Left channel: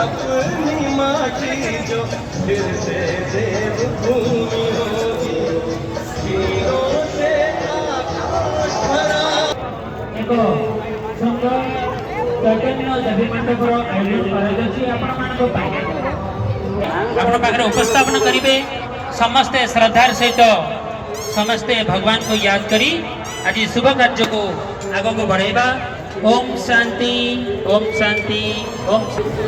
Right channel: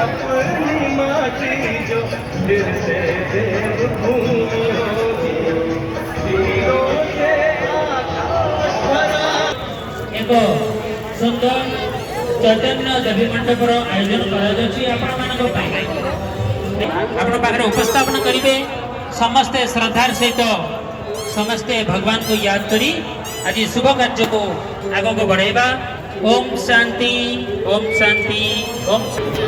अपनी माँ की जो दिल से देवभूमि होगी हीरों से आकाश भरा। एक सुंदर चैतन्य देवी मंडपर आयोजन कर उपस्थापन करेंगे। समस्ते श्रद्धार सहित समस्ते भगवान को याद करी आज शुभ कार्य को आगे को बढ़ेगा। ओम शांति ओम शांति ओम शांति।